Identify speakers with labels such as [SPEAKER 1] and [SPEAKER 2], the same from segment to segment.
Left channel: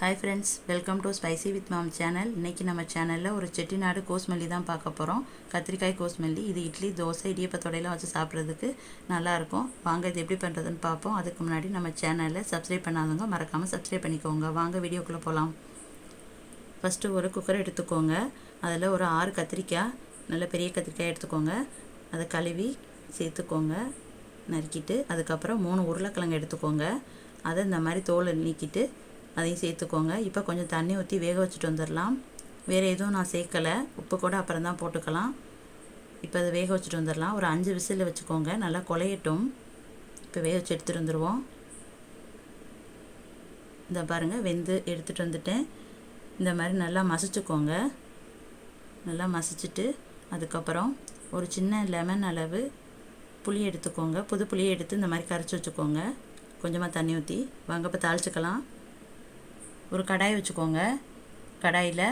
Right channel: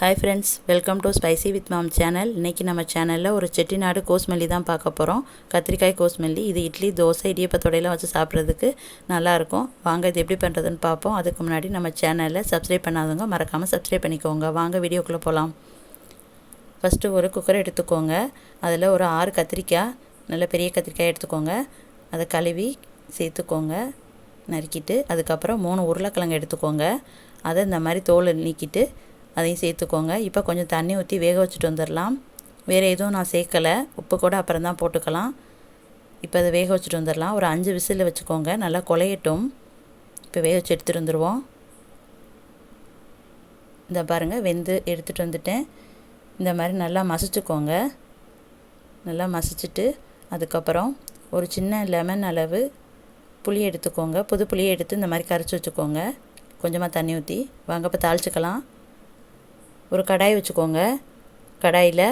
[SPEAKER 1] Hi friends welcome to spicy with mom channel இன்றைக்கி நம்ம சேனலில் ஒரு செட்டிநாடு கோஸ்மல்லி தான் பார்க்க போகிறோம் கத்திரிக்காய் கோஸ்மல்லி. இது இட்லி தோசை இடியப்பத்தோடையெல்லாம் வச்சு சாப்பிட்றதுக்கு நல்லாயிருக்கும் வாங்க இது எப்படி பண்ணுறதுன்னு பார்ப்போம். அதுக்கு முன்னாடி நம்ம சேனலில் சப்ஸ்கிரைப் பண்ணாதவங்க மறக்காமல் சப்ஸ்கிரைப் பண்ணிக்கோங்க. வாங்க வீடியோக்குள்ளே போகலாம் ஃபஸ்ட்டு ஒரு குக்கர் எடுத்துக்கோங்க. அதில் ஒரு ஆறு கத்திரிக்காய் நல்ல பெரிய கத்திரிக்காய் எடுத்துக்கோங்க. அதை கழுவி சேர்த்துக்கோங்க. நறுக்கிட்டு அதுக்கப்புறம் மூணு உருளைக்கிழங்கு எடுத்துக்கோங்க. அதை இந்த மாதிரி தோலை நீக்கிட்டு அதையும் சேர்த்துக்கோங்க. இப்போ கொஞ்சம் தண்ணி ஊற்றி வேக வச்சுட்டு வந்துடலாம் வேறு எதுவும் நான் சேர்க்கலை. உப்பு கூட அப்புறம் தான் போட்டுக்கலாம். இப்போ அதை வேக வச்சுட்டு வந்துடலாம் ஒரு அஞ்சு விசில் வச்சுக்கோங்க. நல்லா குலையட்டும் இப்போ வேக வச்சு எடுத்துகிட்டு வந்துடுவோம் இந்த பாருங்கள் வெந்து எடுத்துகிட்டு வந்துட்டேன். இந்த மாதிரி நல்லா மசிச்சுக்கோங்க. நல்லா மசிச்சுட்டு அதுக்கப்புறம் ஒரு சின்ன லெமன் அளவு புளி எடுத்துக்கோங்க. புது புளியை எடுத்து இந்த மாதிரி கரைச்சி வச்சுக்கோங்க. கொஞ்சமாக தண்ணி ஊற்றி வாங்க இப்போ தாளிச்சிக்கலாம். ஒரு கடாய் வச்சுக்கோங்க. கடாயில்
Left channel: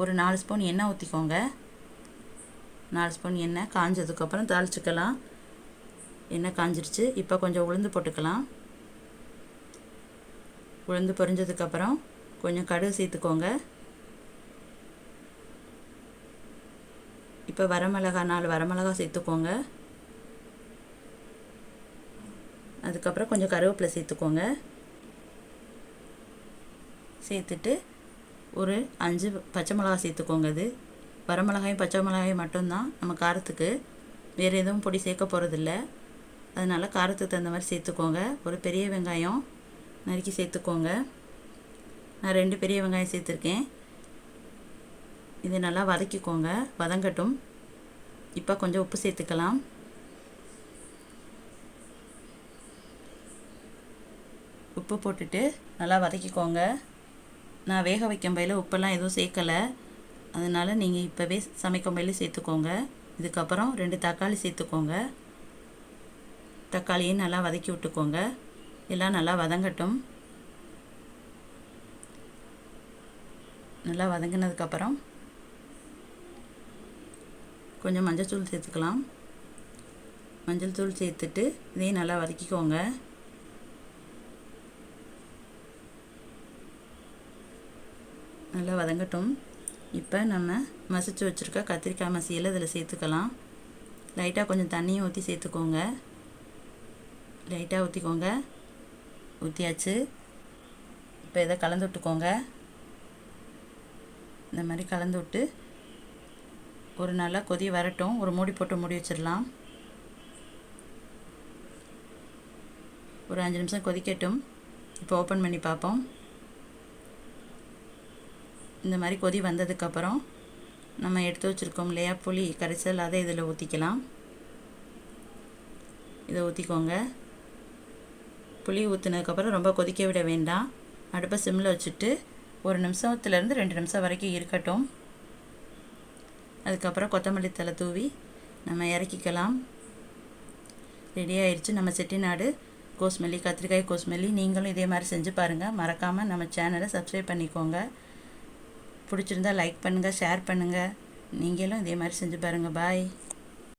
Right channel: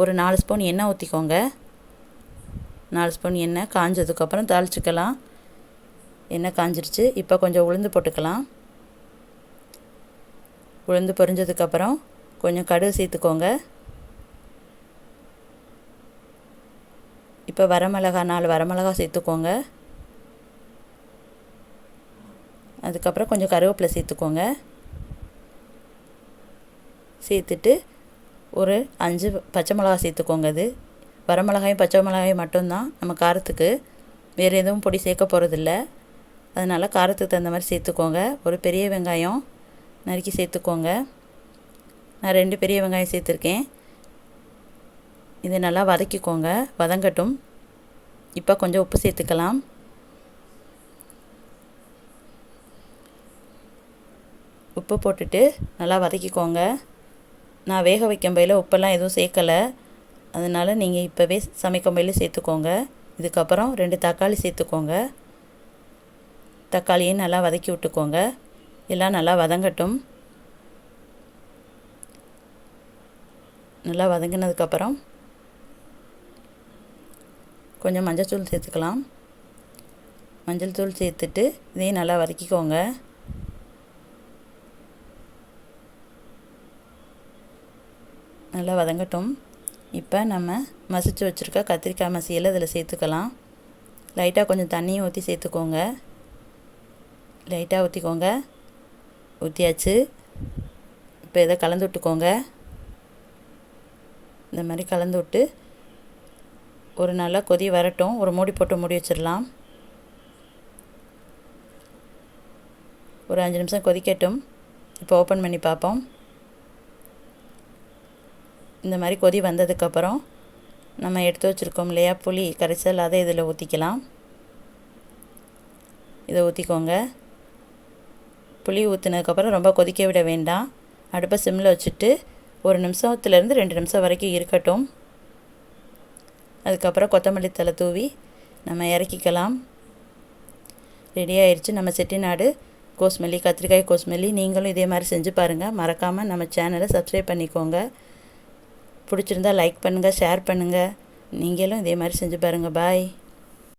[SPEAKER 1] ஒரு நாலு ஸ்பூன் எண்ணெய் ஊற்றிக்கோங்க நாலு ஸ்பூன் எண்ணெய் காஞ்சதுக்கப்புறம் தாளிச்சிக்கலாம். எண்ணெய் காஞ்சிருச்சு. இப்போ கொஞ்சம் உளுந்து போட்டுக்கலாம். உளுந்து பொரிஞ்சதுக்கப்புறம் கொஞ்சம் கடுகு சேர்த்துக்கோங்க. இப்போ வரமிளகா நாலு வரமிளகா சேர்த்துக்கோங்க. அதுக்கப்புறம் கொஞ்சம் கருவேப்பிலை சேர்த்துக்கோங்க. சேர்த்துட்டு ஒரு அஞ்சு பச்சை மிளகா சேர்த்துக்கோங்க அது. வரமிளகாயும் பச்சை மிளகாயும் மட்டும்தான் நம்ம காரத்துக்கு. வேறு எதுவும் பொடி சேர்க்க போகிறதில்ல அதனால் காரத்துக்கு தகுந்த மாதிரி சேர்த்துக்கோங்க. ஒரு பெரிய வெங்காயம் நறுக்கி சேர்த்துக்கோங்க. நான் ரெண்டு பெரிய வெங்காயம் சேர்த்துருக்கேன். இதை நல்லா வதக்கிக்கோங்க. வதங்கட்டும். இப்போ கொஞ்சம் உப்பு சேர்த்துக்கலாம். உப்பு போட்டுட்டு நல்லா வதக்கிக்கோங்க. நான் வேக வைக்கும் பையில் உப்பெல்லாம் எதுவும் சேர்க்கலை. அதனால் நீங்கள் இப்போவே சமைக்கும் பையில் சேர்த்துக்கோங்க. இதுக்கப்புறம் ரெண்டு தக்காளி சேர்த்துக்கோங்க. தக்காளியை நல்லா வதக்கி விட்டுக்கோங்க. எல்லாம் நல்லா வதங்கட்டும். நல்லா வதங்கினதுக்கப்புறம் கொஞ்சம் மஞ்சள் தூள் சேர்த்துக்கலாம். மஞ்சள் தூள் சேர்த்துட்டு இதையும் நல்லா வதக்கிக்கோங்க. நல்லா வதங்கட்டும். இப்போ நம்ம மசிச்சு வச்சுருக்க கத்திரிக்காய் மசியில் இதில் சேர்த்துக்கலாம். லைட்டாக கொஞ்சம் தண்ணியும் ஊற்றி சேர்த்துக்கோங்க. லைட்டாக ஊற்றிக்கோங்க ஊற்றியாச்சு இப்போ இதை கலந்து விட்டுக்கோங்க. இந்த மாதிரி கலந்து விட்டு ஒரு நல்லா கொதி வரட்டும். ஒரு மூடி போட்டு மூடி வச்சிடலாம். ஒரு அஞ்சு நிமிஷம் கொதிக்கட்டும். இப்போ ஓப்பன் பண்ணி பார்ப்போம். இந்த மாதிரி கொதி வந்ததுக்கப்புறம் நம்ம எடுத்து வச்சுருக்கோம் இல்லையா புளி கரைசல் அதை இதில் ஊற்றிக்கலாம் இதை ஊற்றிக்கோங்க புளி ஊற்றினதுக்கப்புறம் ரொம்ப கொதிக்க விட வேண்டாம். அடுப்பை சிம்மில் வச்சுட்டு ஒரு நிமிஷத்துலேருந்து ரெண்டு நிமிஷம் வரைக்கும் இருக்கட்டும். அதுக்கப்புறம் கொத்தமல்லி தலை தூவி நம்ம இறக்கிக்கலாம். ரெடி ஆயிடுச்சு நம்ம செட்டிநாடு கோஸ்மல்லி கத்திரிக்காய் கோஸ்மல்லி நீங்களும் இதே மாதிரி செஞ்சு பாருங்கள் மறக்காமல் நம்ம சேனலை சப்ஸ்கிரைப் பண்ணிக்கோங்க. பிடிச்சிருந்தா லைக் பண்ணுங்கள் ஷேர் பண்ணுங்கள் நீங்களும் இதே மாதிரி செஞ்சு பாருங்கள் பாய்